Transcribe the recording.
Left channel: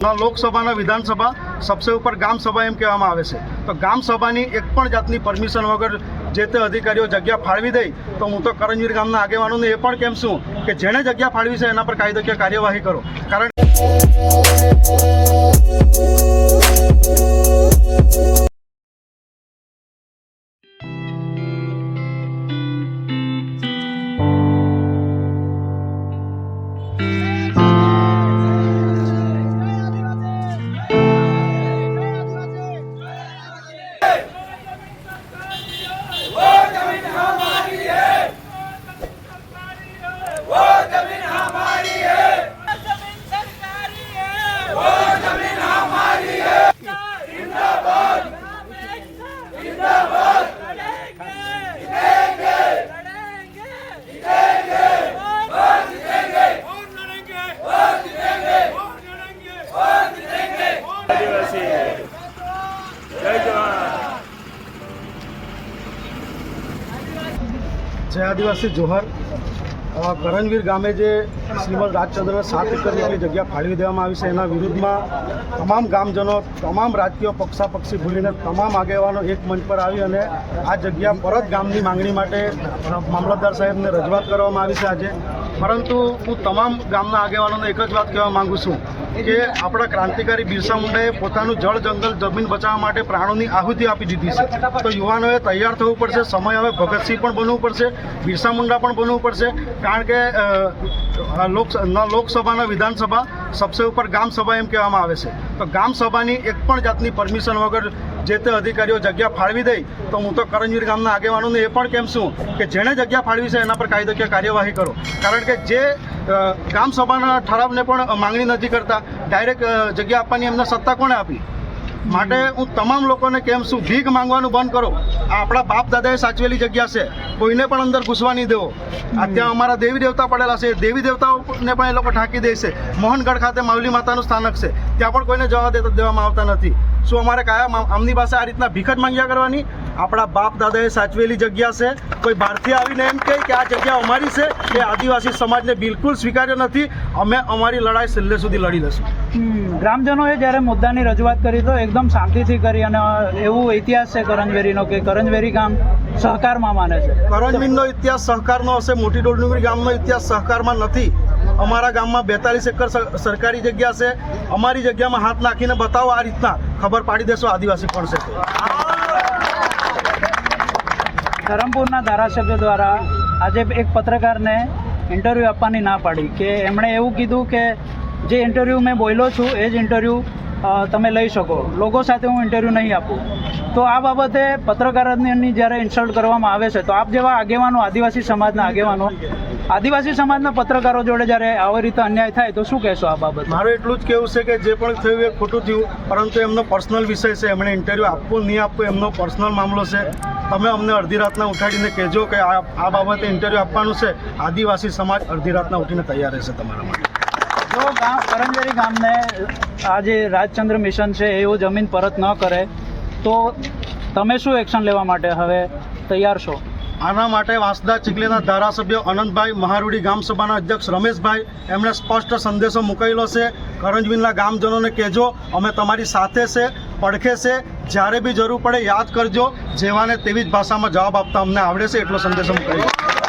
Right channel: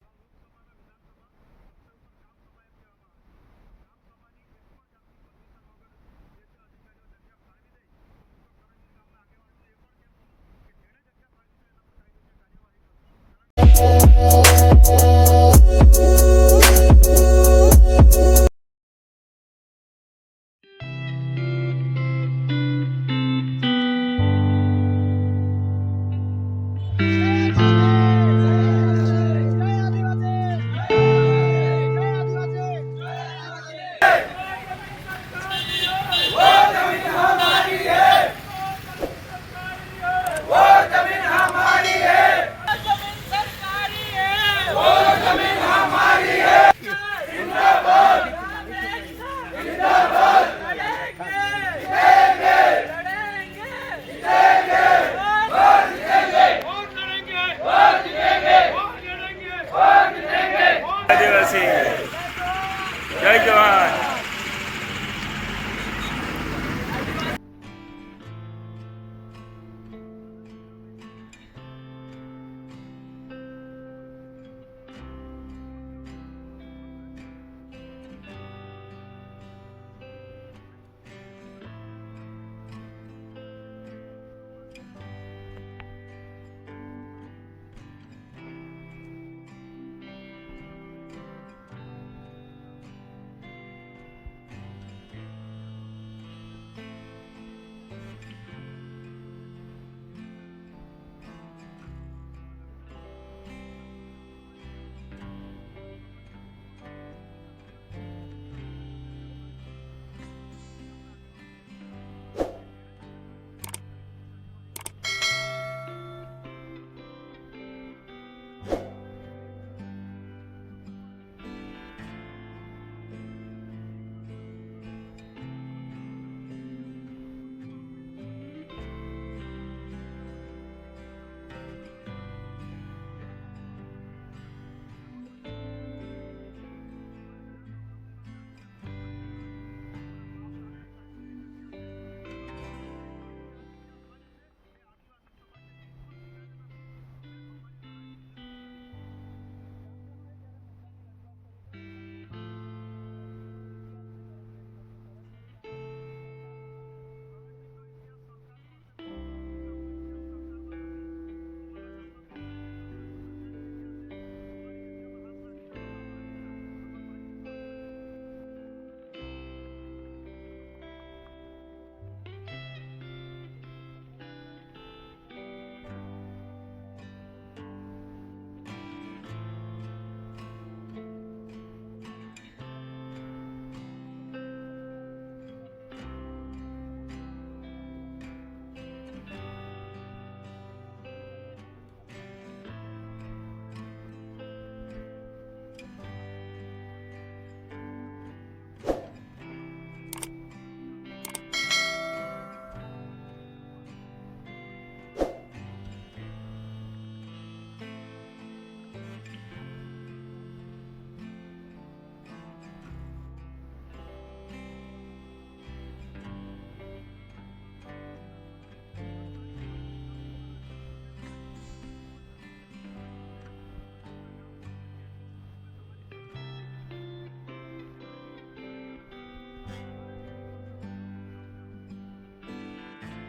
લોકસભાના વિધાનસભા सबसे ऊपर गाम सभा एम कहेवामां आवे छे। तो गाम सभानी एक पण जातनी परमिशन वगर जे ते अधिकारीओ जग्या फाळवी दे तो हूँ तो करंजवीर गामना आगेवानोने ए पण केम छुं के जेणे जग्या फाळवी छे एना पर कायदेकीय कार्यवाही करो। कारण जय जवान जय आदिवासी जोहर। करंजवीर गामे जे श्रीमद राजचंद्र 7 एकड़ जेटली जग्या फाळवी देवामां आवी छे एना विरुद्धमां तमाम गामजनो तमाम राजकीय पक्षापक्षी भूलीने तमाम आगेवानो एक मंच पर आवी अने आ जग्या परत गामनी मांगणी माटे मामलतदार साहेबने रजूआत करवामां आवी छे आजे। परंतु हूँ तमाम गामना आगेवानोने एक ज बात कहेवा मांगू छूं कि आपणा क्रांतिकारी बिरसा मुंडाए पोतानुं जळ जंगल जमीन बचाववा माटे प्राणोनी आहुति आपी दीधी छे। तो युवानोए तैयार थवुं पड़शे। समय हवे भगतसिंह पण बनवुं पड़शे, बिरसा मुंडा पण बनवुं पड़शे। कारण के लोकसभाना विधानसभा सबसे ऊपर गाम सभा एम कहेवामां आवे छे। तो गाम सभानी एक पण जातनी परमिशन वगर जे ते अधिकारीओ जग्या फाळवी दे तो हूँ तो करंजवीर गामना आगेवानोने ए पण केम छुं के जेणे जग्या फाळवी छे एना पर कायदेकीय कार्यवाही करो। कारण के जे गाम सभाना ठरावने पण मांगणी नथी करता, डायरेक्ट जग्या आपवानी एમને सत्ता कोणे आपी? માટે હું તમામ લોકોને કેમ છું ભીખ માંગવાનું બંધ કરો। આપણા બાપ દાદાએ સાચવેલી જગ્યા છે, કોઈને પણ અંદર ઘૂસવા નહીં દેવો। ત્યાં અમારા દેવી દેવતા પડેલા છે, દેવી દેવતાઓને પણ એ લોકો ઢાંકી દે છે। મોહનગઢ ખાતે માવલી માતાનું સ્થાનક છે, ત્યાં પણ કોઈને જવા દેવામાં આવતા નથી। શું અમારે કયા આમની પાસે આ રીતના ભીખ જ માંગ્યા કરવાની? આપણા બાપ દાદાએ સાચવેલી જગ્યા છે, કોઈ બહારથી આવીને એમ કહે કે આ જગ્યા અમારી છે, એ આદિવાસી સમાજને બિલકુલ સ્વીકાર્ય નથી। અમે અમારી લડાઈ છેલ્લે સુધી લડી લઈશું। ગ્રામજનોએ જ્યારે મુદ્દાની રજૂઆત કરી તો એકદમ શાંતિથી કરી અને એવું ઇતિહાસ છે કરંજવેરીનો કે કરંજવેરી ગામ સહકારમાં માને છે। કરંજવીરનો ઇતિહાસ સહકારનો હશે, મોટી ડોલનુગરી ગામનો ઇતિહાસ સહકારમાં નથી। અમારા ગામમાં 42 એકર સરકારી જગ્યા છે। અમારી જગ્યામાં હાથ નાખીને બતાવો આ રીતના, ખબર પાડી દેશો આદિવાસી કોણ છે। ધરમપુરના ધારાસભ્ય દ્વારા આજે એક પત્રકારને ઇન્ટરવ્યૂ આપવાની ના પાડી કે એમણે એવું કીધું કે જે ઇન્ટરવ્યૂ મેં બોલ્યો છું એ જ ઇન્ટરવ્યૂ તમે લઈ શકો, લોકો સાથે હું ઇન્ટરવ્યૂ નહીં આપું। તો આ બાબતે પત્રકારોની જ્યારે ઇન્સલ્ટ કરવામાં આવે છે તો આપ જેવા આગેવાનો, આદિવાસી સમાજના આગેવાનો, આદિવાસી સમાજના પત્રકારો જોડે જ્યારે આવી રીતે અન્યાય થાય તો શું કહેશો આ બાબત? મારું એટલું જ કહેવું છે કે જે પણ થયું એ ખોટું થયું, પરંતુ એમનો પર્સનલ વિષય છે। એમણે ઇન્ટરવ્યૂ આપવું નહીં આપવું એમનો પર્સનલ મામલો છે। તમે અમને અડધી રાતના ઉઠાડીને કહેજો કે આ બાબતે ઇન્ટરવ્યૂ આપવાનું છે, આદિવાસી સમાજ અડધી રાતના ઉઠીને તૈયાર રહેશે તમારા માટે। જો કરંજવેરી ગામને આ જે રાજચંદ્ર મિશન છે એવું જમીન પરત ન કરે તો તમે શું એક્શન લેવા માટે હવે તૈયાર છો? આના માટે વાંસદા ચીખલીના ધારાસભ્ય અનંતભાઈ, મહારૂડી ગામ સભાના અધ્યક્ષ રમેશભાઈ એમણે સ્પષ્ટ સંદેશો મૂકેલો છે। કરંજવીરના ગામજનોને કહેજો અમે તમારી સાથે છે, પડખે છે, જ્યારે બી જરૂર પડે યાદ કરજો। જેવાને તેવી જ ભાષામાં જવાબ આપતા અમને આવડે છે, એટલો સંદેશો મૂકાયો।